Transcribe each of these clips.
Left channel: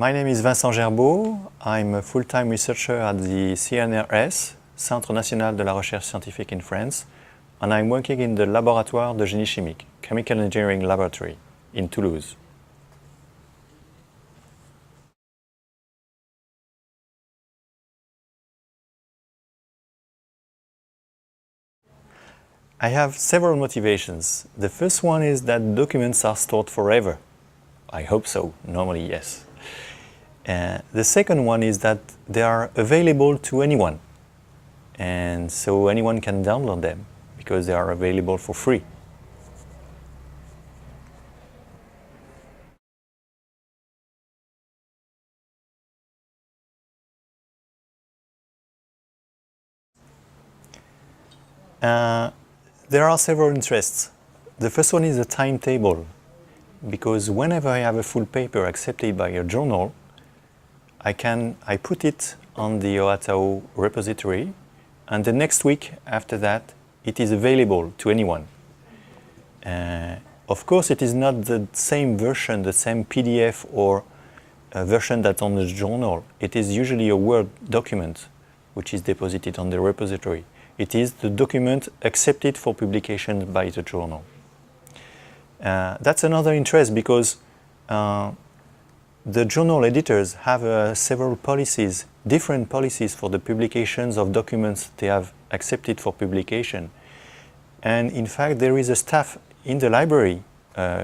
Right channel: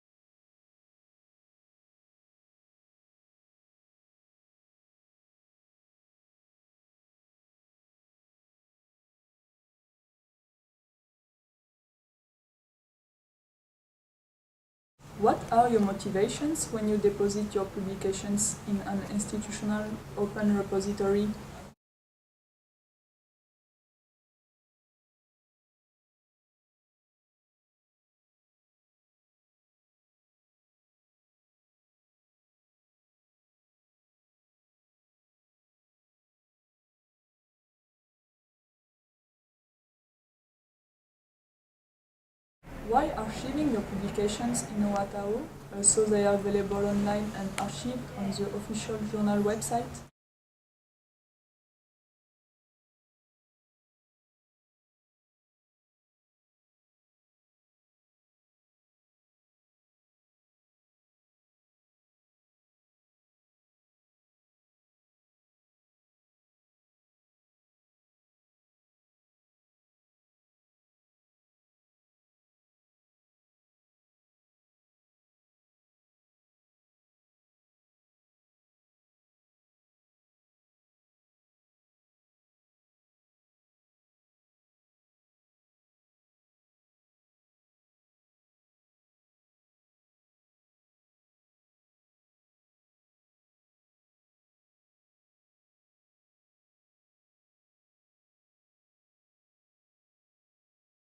My name is Vincent GERBAUD. I'm a full-time researcher at the CNRS, Centre National de la Recherche Scientifique in France, and I'm working in the Laboratoire de Génie Chimique, Chemical Engineering Laboratory in Toulouse. What are your motivations when you deposit your publications in an institutional open repository? I have several motivations. The first one is that documents are stored forever. I hope so, normally yes. The second one is that they are available to anyone. And so anyone can download them because they are available for free. Why archiving your publications in OATAO, so they are available online and archived on the official journal website? There are several interests. The first one is the timetable, because whenever I have a full paper accepted by a journal, I put it on the OATAO repository, and the next week after that, it is available to anyone. Of course, it is not the same version, the same PDF or version that's on the journal. It is usually a Word document which is deposited on the repository. It is the document accepted for publication by the journal. That's another interest because the journal editors have several policies, different policies for the publications of documents they have accepted for publication. And in fact, there is a staff in the library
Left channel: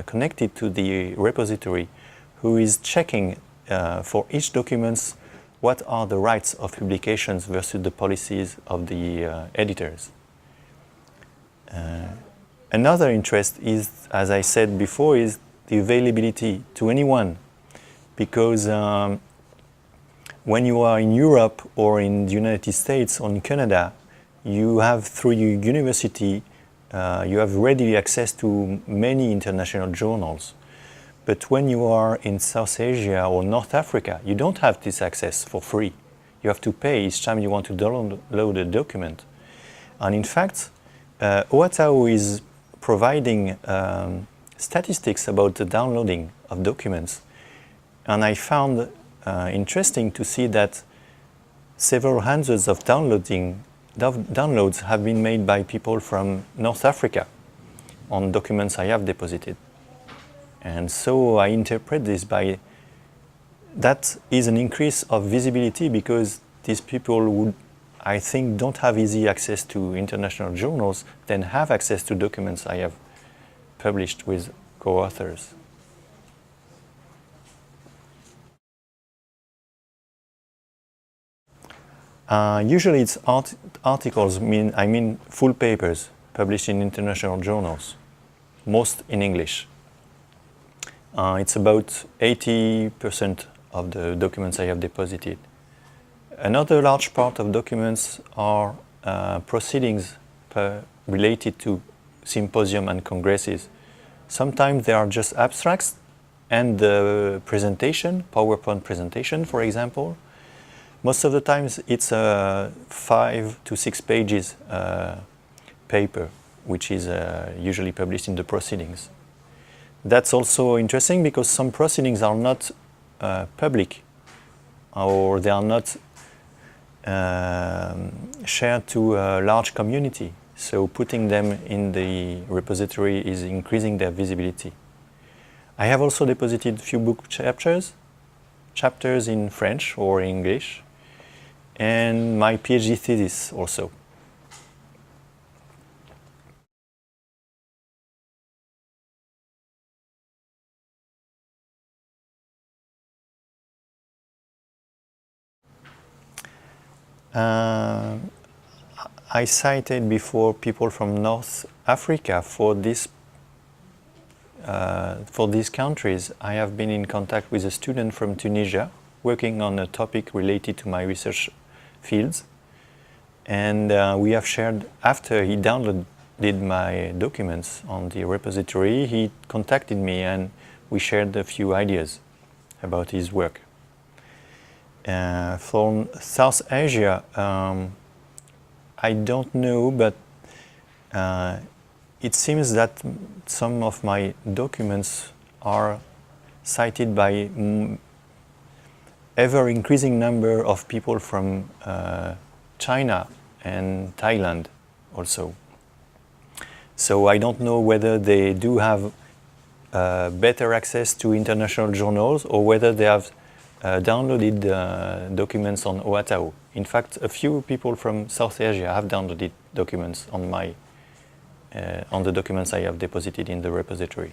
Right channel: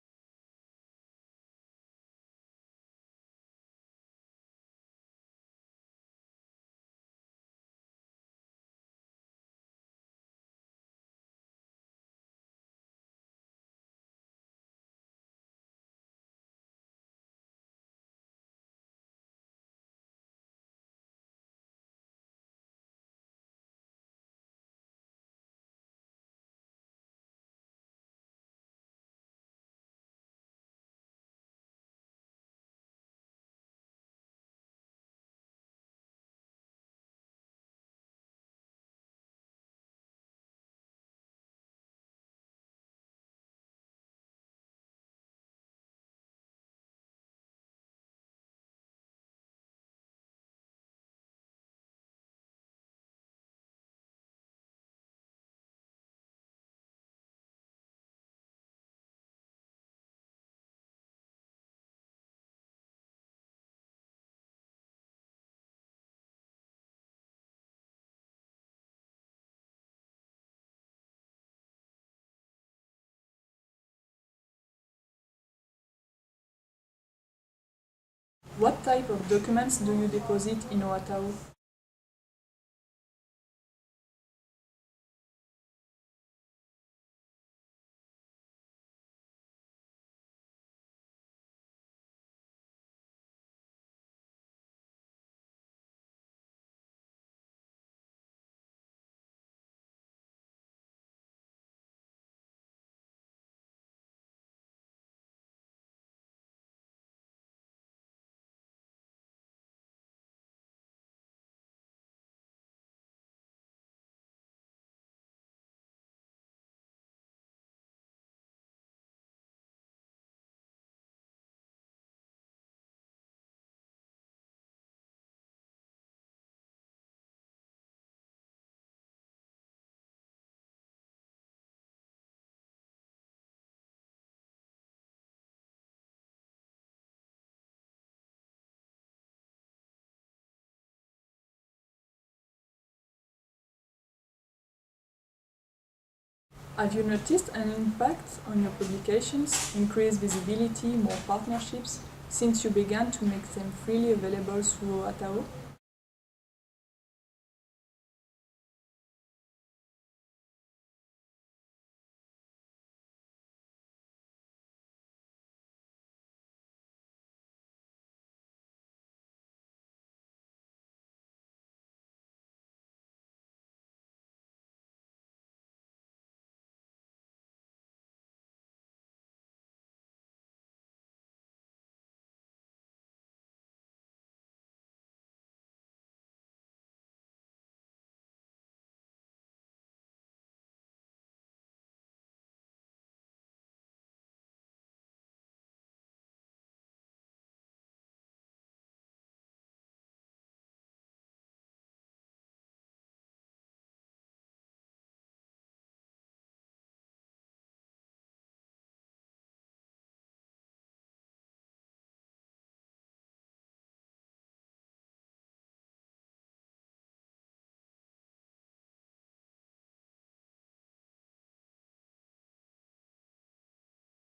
connected to the repository who is checking for each document what are the rights of publications versus the policies of the editors. Another interest is, as I said before, is the availability to anyone. Because when you are in Europe or in the United States or in Canada, you have, through your university, you have readily access to many international journals. But when you are in South Asia or North Africa, you don't have this access for free. You have to pay each time you want to download a document. And in fact, OATAO is providing statistics about the downloading of documents. And I found interesting to see that several hundreds of downloads have been made by people from North Africa on documents I have deposited. And so I interpret this by that is an increase of visibility because these people would, I think, don't have easy access to international journals, then have access to documents I have published with co-authors. What type of documents do you deposit in OATAO? Usually it's articles, I mean full papers published in international journals, most in English. It's about 80% of the documents I have deposited. Another large part of documents are proceedings related to symposium and congresses. Sometimes they are just abstracts and the presentation, PowerPoint presentation, for example. Most of the times it's a 5 to 6 pages paper, which is usually published in the proceedings. That's also interesting because some proceedings are not public or they are not shared to a large community. So putting them in the repository is increasing their visibility. I have also deposited a few book chapters in French or English, and my PhD thesis also. Have you noticed an impact on your publications, increased visibility, more partnerships, since you began to make them freely available through OATAO? I cited before people from North Africa. For these countries, I have been in contact with a student from Tunisia working on a topic related to my research fields. And we have shared, after he downloaded my documents on the repository, he contacted me and we shared a few ideas about his work. From South Asia, I don't know, but it seems that some of my documents are cited by ever increasing number of people from China and Thailand also. So I don't know whether they do have better access to international journals or whether they have downloaded documents on OATAO. In fact, a few people from South Asia have downloaded documents on the documents I have deposited in the repository.